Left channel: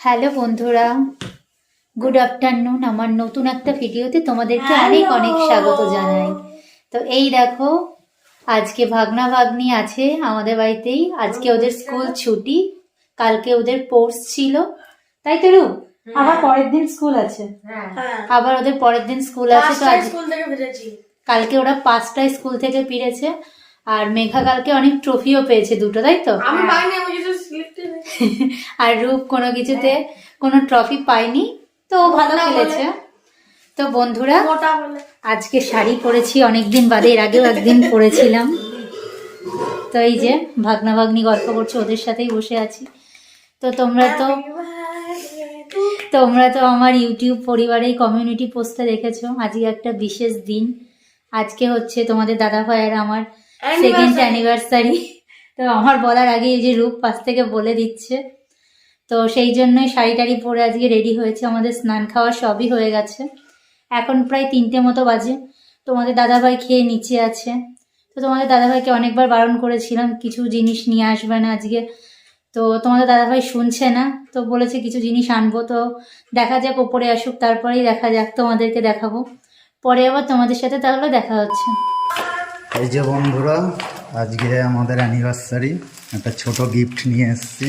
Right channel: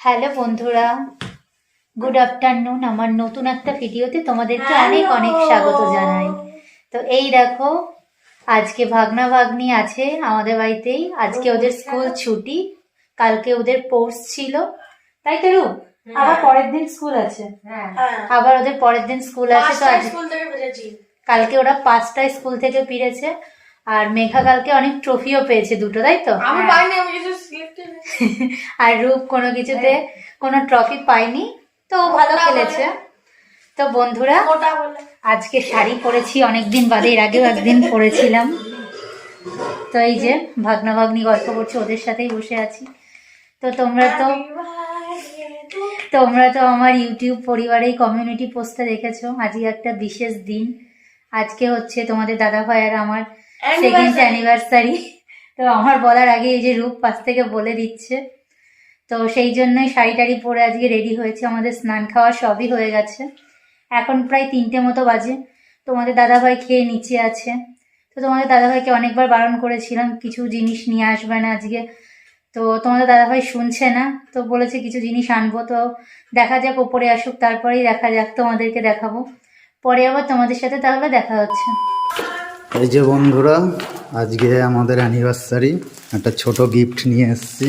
Hello বন্ধুরা good afternoon. আমার নতুন একটা ভিডিওতে তোমাদেরকে অনেক অনেক স্বাগত জানাই। তো এই দেখো আজকে ভাগনা ভাগ্নি আছে আমাদের বাড়িতেই। আজকে ওদের স্কুল ছুটি। কালকে ওদের পোর্স ছিল। তাই তো রূপ? আবার পরের দিন স্কুল আছে। হ্যাঁ। আবার ওদের পরের দিন স্কুল আছে তো আজ কালকে ওরা পাঁচটায় স্কুল থেকে ফিরেছে। আর মেঘা কালকে অনেক ট্রফিও পেয়েছে দুটো তাই তো? স্লিপ আর রূপ কোনো কিছুতে কোনো ট্রফি পায়নি তো ভালো খেলেছে। তো বন্ধুরা আজকে শাড়ি পরেছি অনেকদিন বাদে এর আগেও একদিন পরেছিলাম। তো এই যে ভাগনা ভাগ্নি গল্প করছে ওদের সাথেই বসে আছি। তো তোমরা তো তোমরা তো আমার ইউটিউব পরিবারেই কমিউনিটি পোস্টে দেখেছ। আজকে একটা বিশেষ দিন। আজকে হচ্ছে তোমাদের দাদা ভাই আর আমার সেকেন্ড অ্যানিভার্সারি তো আমার বলার আগে এই যে রূপ পাশ থেকে বলে দিচ্ছে। তো সেই জন্যই শাড়ি টাড়ি পরে আজকে রেডি হয়েছে। আমাদের স্নান খাওয়া সবই হয়ে গেছে। এখন প্রায় তিনটে মতো বাজে। তোমাদের দাদাভাই খেয়ে নিচে আছে। তো তোমাদের দাদাভাইকে অনেকবার বারণ করেছিলাম কিছু জিনিস নিয়ে আসবে না আজকে। তো তোমাদের দাদাভাই শুনছে না তো বলেছে কিছু জিনিস আনব। তো দেখা যাক ওপরে আসুক তারপরেই দেখা যাক তোমাদেরকে দেখাবো। পরে আবার তোমাদের সাথে তাহলে দেখা হচ্ছে। এই যে বন্ধুরা আজকে আমাদের অ্যানিভার্সারি একটা ছোট গিফট নিয়ে এসেছি।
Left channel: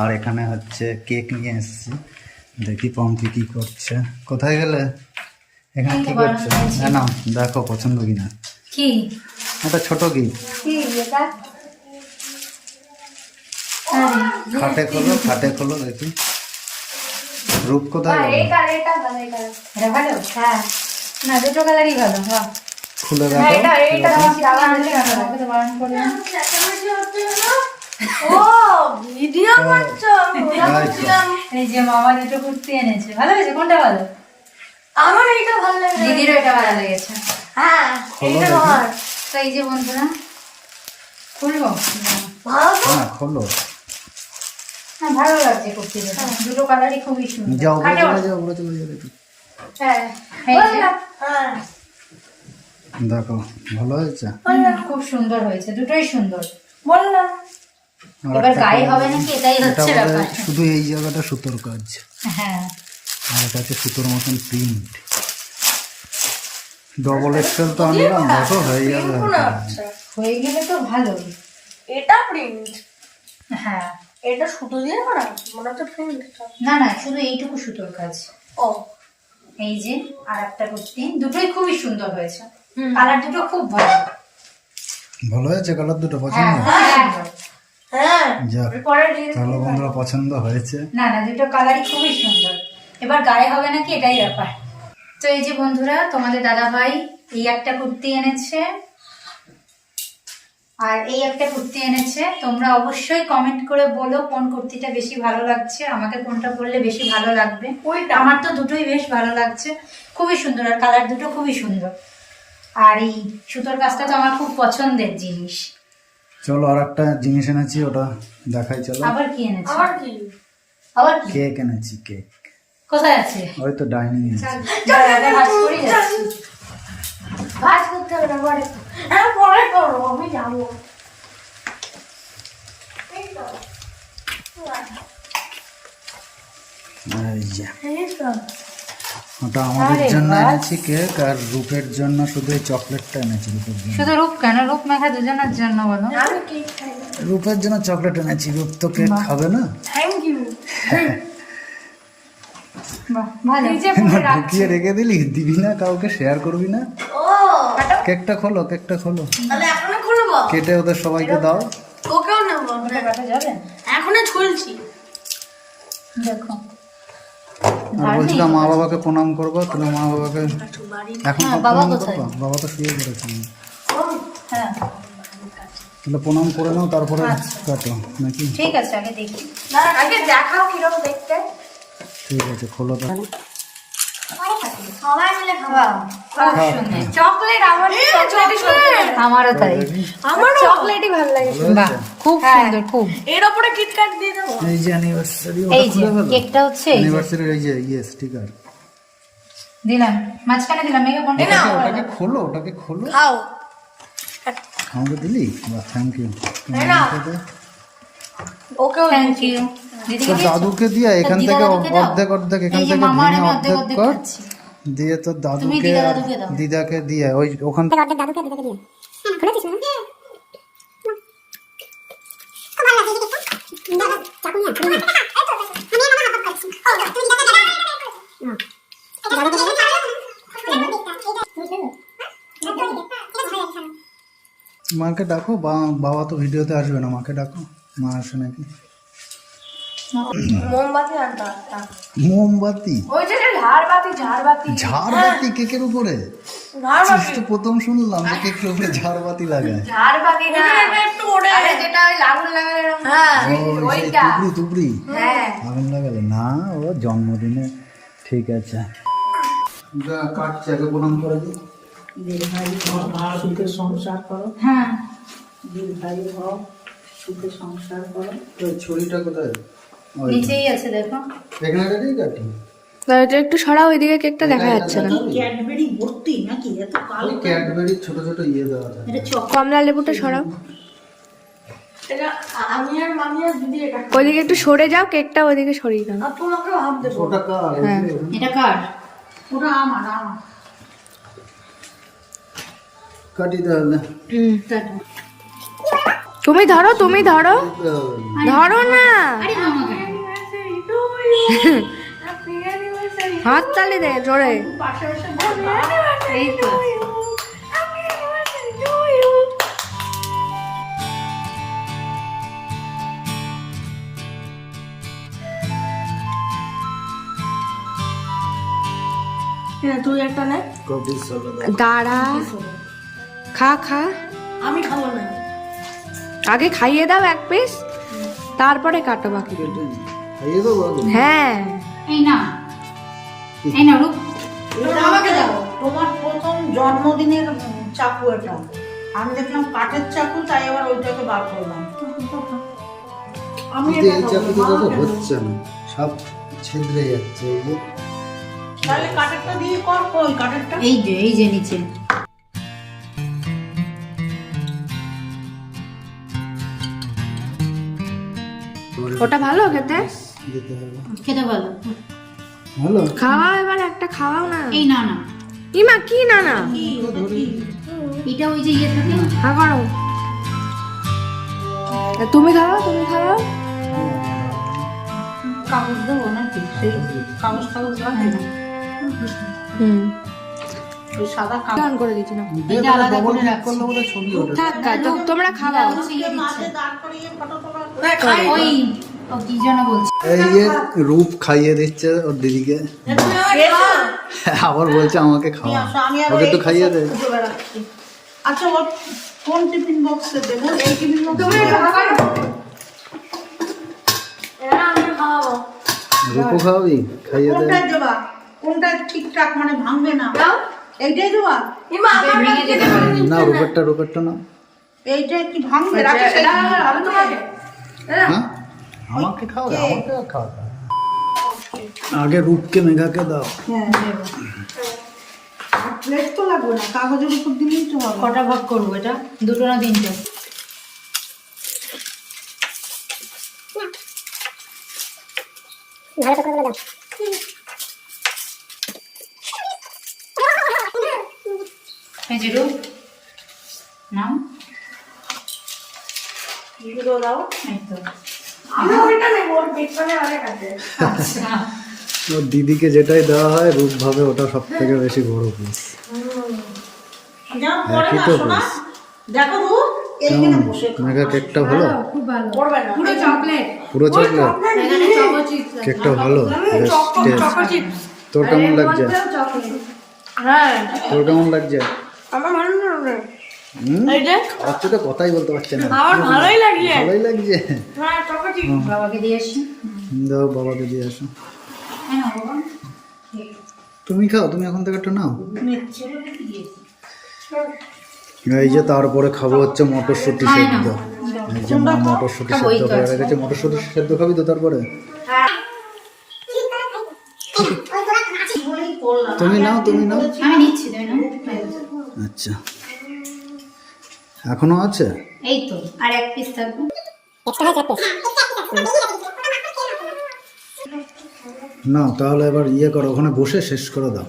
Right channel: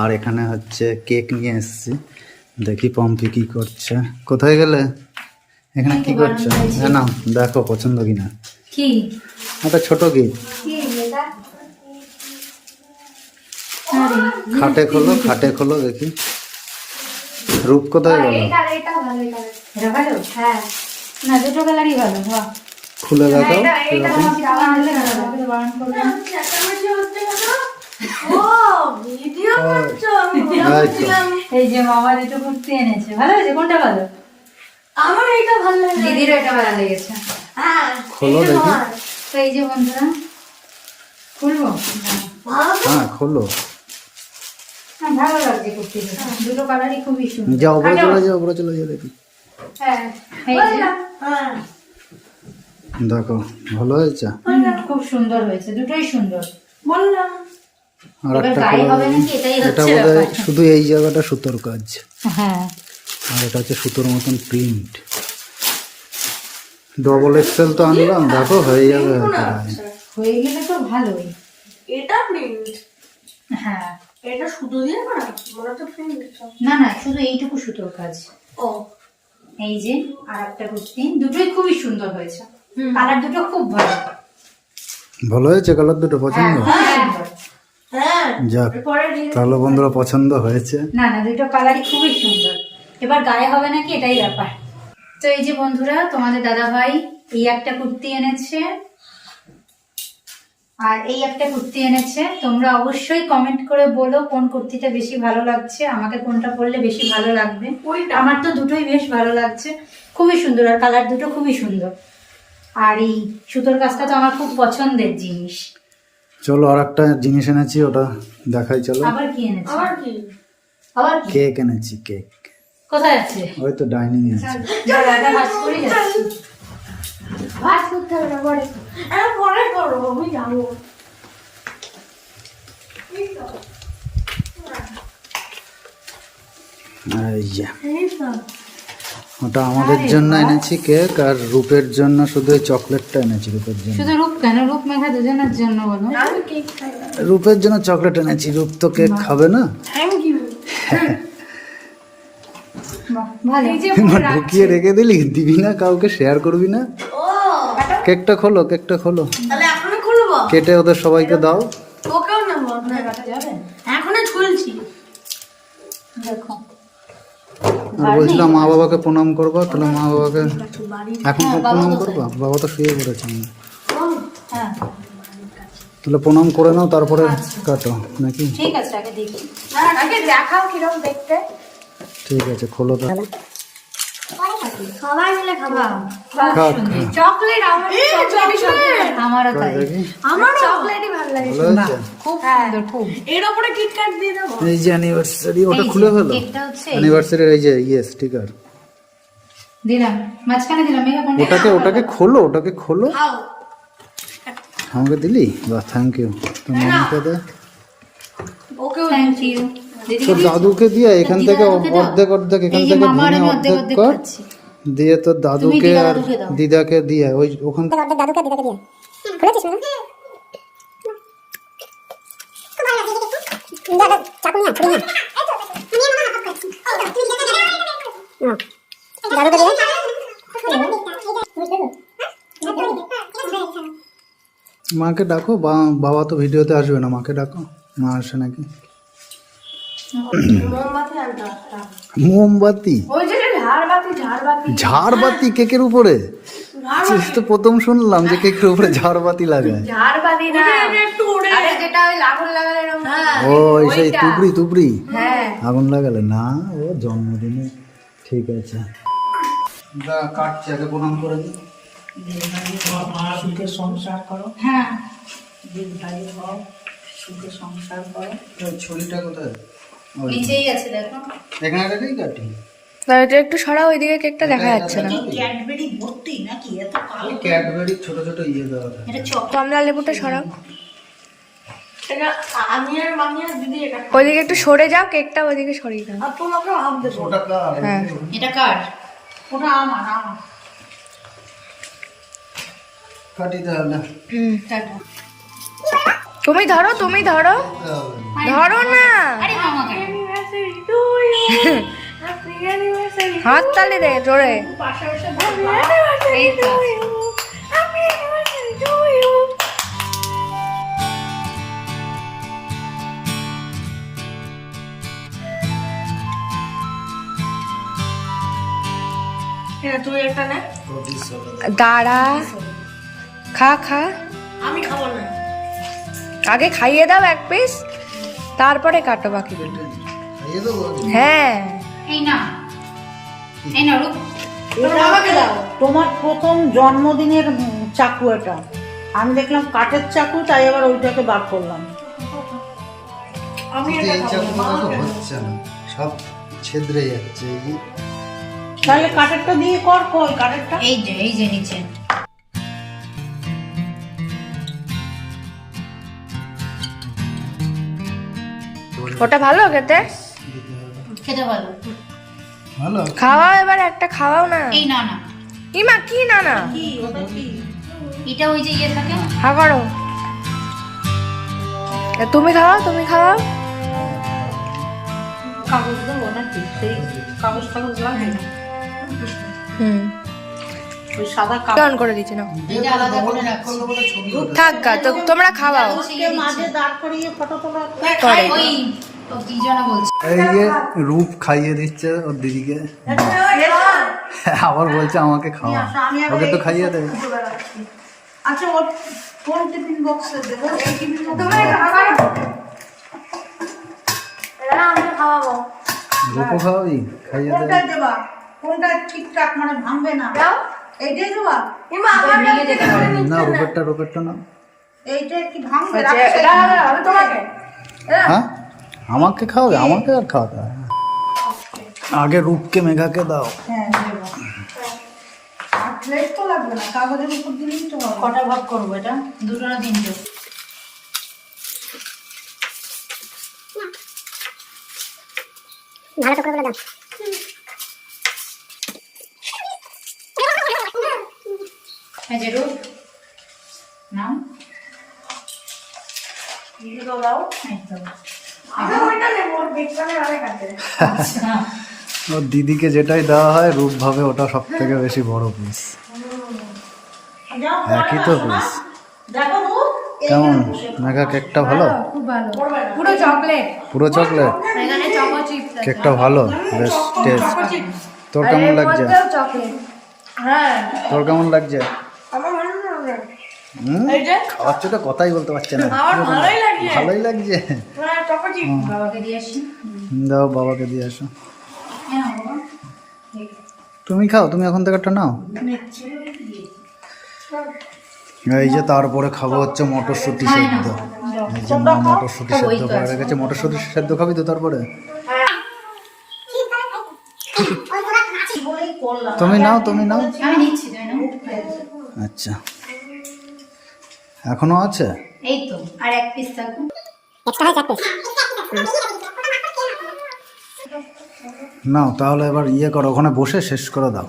আর এখানে হচ্ছে কেক নিয়ে এসেছি। দেখি পম্পি কি করছে। কোথায় গেলে? এখানে কি করছ? হ্যাঁ না দেখো পছন্দ কিনা। কি? একটা ছোট গিফট খাটে খোলো খাটে খোলো দেখি। রূপ কোথায় গেল? এটা ভালো? হ্যাঁ। না দুটো কালারই ভালো বাহ। খুলে দেখাও এই যে মামা দুটো কুর্তি এনেছে ভালো হয়েছে? কোনটা ভালো? আমার এটা ভালো লাগে দিদিরও এটা ভালো লেগেছে। হ্যাঁ খোলো দেখি। তো এই যে বন্ধুরা খুলবো। হ্যাঁ খোলো। ভালো লাগছে কুর্তি দুটো কালারই খুবই সুন্দর। যাও উপরে চলে যাও উপরে চলে যাও দেখি। হ্যাঁ। হ্যাঁ। দেখো ভালো হয়েছে? খুব সুন্দর হয়েছে দুটোই সুন্দর। বললাম। এটা বোধ শুধু এই জায়গাটা সুতোর কাজ। হ্যাঁ। আর এটা হচ্ছে সুতোর মতন প্রিন্ট। ডবল এক্সেল তো আনলাম দেখো হয়ে যাবে হয়ে গেলে তো ভালোই। এটা প্রিন্ট? হ্যাঁ। এটা শুধু দিয়ে করা? মনে হচ্ছে প্রিন্ট। না না শুধু এইটুকু সুতোর কাজ। ও। এই যে আর একটা কুর্তি দুটোই খুবই সুন্দর হয়েছে। কালার দুটো খুব ভালো। ভালো হয়েছে কালার দুটো পছন্দ? হ্যাঁ, সুন্দর। হ্যাঁ যাক তাহলে বন্ধুরা পছন্দ হয়েছে। না না দুটো কালারই খুবই সুন্দর। এবার গায়ে হবে নাকি এটাই ব্যাপার। তো এই যে বন্ধুরা তোমাদের দাদা ভাই এই একটা কুর্তি এনেছে। আর এই একটা কুর্তি এনেছে। তোমরা অবশ্যই কমেন্ট করে বলো কোন কুর্তিটা বেশি ভালো লাগছে আমাকে কোনটা পরলে বেশি ভালো লাগবে। ওইটা। আমার তো দুটোই বেশ ভালো লাগছে। খুবই সুন্দর আর কালার দুটো খুবই সুন্দর। আর এই সুতোর কাজটা তো আমার খুব পছন্দের জিনিস। চলো আর একটা জিনিস এনেছি ওটা দেখাই চলো। আবার কি এনেছি? আবার কি? আবার কি? কেক এনেছি কেক। কোথায় আছে? ওই তো ডাইনিং আছে। এটা যাচ্ছি। ভাজ করতে হবে না পরে। হ্যাঁ পরে করো আমি যাব। এই তো। ওটা আমাদের জন্য এনেছি কেক আর রূপের জন্য শুধু এই চকলেটটা এনেছি রূপের জন্য। শুধু রূপ কেন? রূপ মেঘা দুজনের জন্য বলো। রূপের জন্য চকলেট এনেছি রূপ তো কেক খাবে না? ঢুকিয়ে রেখে দিলি? দিবি না কাউকে? শেয়ার করবি না? কেকটা খোলো কেকটা খোলো। কেটে ওদের সবাইকে দাও। ওকেও নেব আপনার দেখো। আর বলছিলাম মা বাবাকে প্রণাম করব তাহলে মা বাবাকে এখন হ্যাঁ, প্রণাম করবা? বাবা তো শুয়ে পড়েছে হ্যাঁ। তাহলে প্রণাম করে নাও তারপরে আচ্ছা। কাটো নাকি? ঠিক আছে আগে দেখি। আগে দেখাও কীরকম দেখতে। ঠিক আছে খোলো তো সবাই মিলে খাব। খুব খা, সুন্দর। চকলেট আমার চকলেট। আমারও তাই। আমার চকলেটই ভালো লাগে। খুব সুন্দর খুব। এর উপরে কিটক্যাট দিয়ে দেবো। এই যে অ্যানিভার্সারি ওটা খুলে ফেলো। কেকটা হচ্ছে অ্যানিভার্সারির এই যে ইয়ে স্টিকার দিলাম। মাঝখানে দিলাম। মেঘা কোনটা ওটাকে ওটাকে খোলো ওটাকে খোলো। খাও। আমাকে দিলি? বাহ থ্যাংক ইউ তোমার ওকেও থ্যাংক ইউ দিদিকে দাদুকে দিয়ে এখান থেকে অর্ধেক অর্ধেক এখান থেকে ভেঙে অর্ধেক কর। দিয়ে তোর দাদুকে আর দিদাকে দিয়ে ওই ওখান থেকে অর্ধেক দাদুকে দিদাকে দিয়ে। খুলেছিস না দাদা চাকু নিয়ে ছুরি নিয়ে দাদুকে মাকে ডাকো বা- বাবা তো ভিডিওতে আসবে না মাকে ডাকো মা আসে নাকি? মোমবাতি মোমবাতি? ওই যে যে ঝাড়বাতি কেকের উপরে? তো প্রথম শুনলাম যে কেকের উপরে ঝাড়বাতি লাগায়। ঝাড়বাতি না। যেটা ওই লাগুন লাগালে হ্যাঁ। ও সেই তুবড়ি তুবড়ি হ্যাঁ। আগুন লাগালে? না ও জন্মদিনে। ঠিক আছে। কাটছি আগে প্রণাম করে দিই সুখে সংসার করো। হ্যাঁ। দীর্ঘায়ু হও সুখে সংসার করো। ওই কোথায়? ওই নিচেই আছে দেখো। এখানে কাটি। এটা একটু সরা ওইদিকে কেকটা দেখা যাচ্ছে না। ক্যাডবেরি ভর্তি নাকি? এত কালো ক্যাডবেরি ছোট ছোট ইয়ে দেওয়া থাকে। এটা কমলা লেবুটা সরাও। আমি আর মামি আর দিদি এটা ওইদিকে একটু সরে যাও কেকটা ওইদিকে সরিয়ে দাও। ওটা কার? হ্যাঁ। এটা কার? ওটা আমার আমার। কাটি তাহলে টাটা। তুমি ধরো তুমি ধরো। ধরো না। আরে মামা কেন? হাত তালে দে জোরে। এই তো। হ্যাঁ দাঁড়া। খা খা। আমি খাব না। আগে খাইয়ে দাও এক পিস তারপরে কাটো বাকি? হ্যাঁ। এই না। এই না রূপ এটা আমাকে দাও। তোমার প্রথম জন্মদিনের চাকু এটা। আমি দেখলাম কাঠের চাকু তাই এবার ওইটাকে বার করলাম। আমি এই চাকুটা দেখো হচ্ছে না। সব ছেদ্রে যাচ্ছে এই যে। তাহলে কাঠেরটা দিয়ে কর কই কাঠেরটা? এই যে এই যে নিচে। ওটা ভালো খেতে? খেতে ভালো। ভালো? খাওয়াও এবার একটা খাওয়াও না। এই না না ইমা কি না না এটা ওই যে ইয়ে থাকে হা করো। তুমি খাওয়াও তুমি খাওয়াও। হুম। ওই সাদা অন করে দিচ্ছি না এটা আলাদা করে রাখছি। বলে ছবি ওঠে থাক তো তোমরা খাওয়াও। শিখিয়ে দিচ্ছে। মাঝে দাঁড় করিয়ে ফটো তোলা করে। এই যে রূপ খাইয়ে দিচ্ছে ওর দিদিকে। আবার বলছে আমাকে খাওয়া। ওকে একটু খাইয়ে দে। আচ্ছা কোন টিফিন বক্সে দেবো? টিফিন খাওয়াবো। খাইয়ে দে। কোনটা দেবা? কোনটা ঠিকঠাক মানে ভাঙবে না? এইটাই দেবা? না রূপেরটা রূপেরটা না এইটা কি ভাঙবে? রাখিস হ্যাঁ? আমাকে খাওয়া খাওয়াবে আমাকে আর খাওয়াতে হবে আগে রূপকে মেঘাকে দাও। হ্যাঁ দেবো আর প্লেট তো লাগবে না কাগজের উপর দিলেই তো হবে। কটা ভাগ করব এটা? দুটো না তিনটে? ভালো করে দাও। এই যে রূপ। নাম? দাও এই তো। ওর আচ্ছা। ওর দিদিকে যেটাই দেওয়া হয় রূপ ভাবে ওটা সব থেকে বেশি বড় পিস একই তো পিস কেমন? মেঘা কেকটা ভালো? খুব ভালো। পড়বে না। পুরো চকলেট পুরো চকলেট কেকটা ভালো? তোর কেমন লাগছে? হ্যাঁ। তোর কেমন লাগছে? আমার ভালো খাওয়াচ্ছে তো কথাই বলতে পারছে না। আমার ভালোই লাগছে। ভালোই লাগছে। হ্যাঁ বাবাকে দিয়ে এসছি হুম, দাও বাবাকে দিয়ে আসো। হ্যাঁ তুমি খাও তুমি এখন থেকে একটা নাও। এই যে তারপরে খাব হচ্ছে মটরশুঁটি সেদ্ধ। এই যে মা মটরশুঁটি সেদ্ধ করে রেখেছে। মটরশুঁটি সেদ্ধ খাবি তো তারপরে? তুমি নাও তুমি নাও। আমি নিচ্ছি তাই না আচ্ছা। এখনও আছে? এই তো আর এক পিস থাকবে। হয় নাও তাহলে এবার ইয়ে করো ওখানে বসে শেষ করে দাও।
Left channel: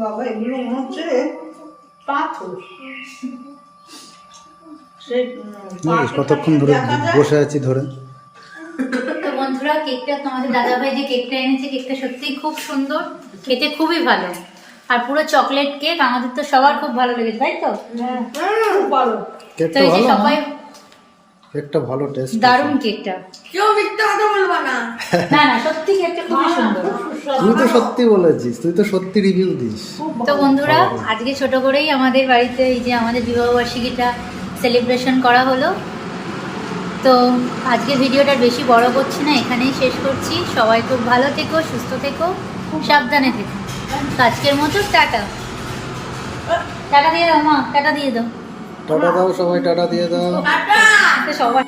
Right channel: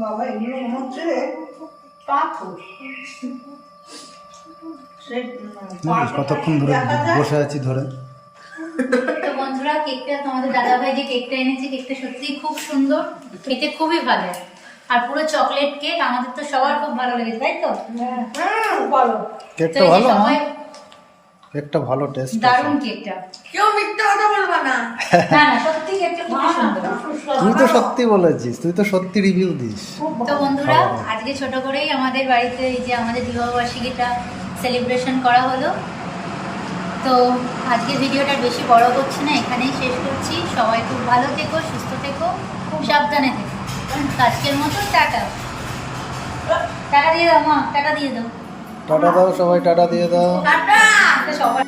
বাবা এগুলো মনে হচ্ছে পাথর। কতক্ষণ ধরে বসে আছি ধরে? কেকটা তোমাদের দাদাভাই যে কেকটা এনেছে কেকটা সত্যিই খুব সুন্দর খেতে খুবই ভালো। আর পুরো চকলেট কেক আমাদের তো সবার খুব ভালো লেগেছে তাই তো? খুব ভালো। কেকটা ভালো কেকটা ভালো টেস্ট দারুণ কেকটা কেউ মিথ্যে কথা বলবা না। না না সত্যি কেকটা খুবই সুন্দর। তুই তো সত্যি বলেছিস তুই তো সত্যি রিভিউ দিস। তো বন্ধুরা আজকে ছোট করেই আমাদের বাড়িতে এই যে আমাদের বিবাহবার্ষিকীটা সেলিব্রেশন করা হলো। তো আজকে ভিডিওটা বেশি বড় করছি না এখানেই শেষ করছি। সবাই খুব ভালো থেকো সুস্থ থেকো খুব সাবধানে থেকো। আজকের মতো টাটা। টাটা দিয়ে দাও মা টাটা দিয়ে দাও। টাটা দাও সবাই টাটা দিয়ে দাও। টাটা। সবাই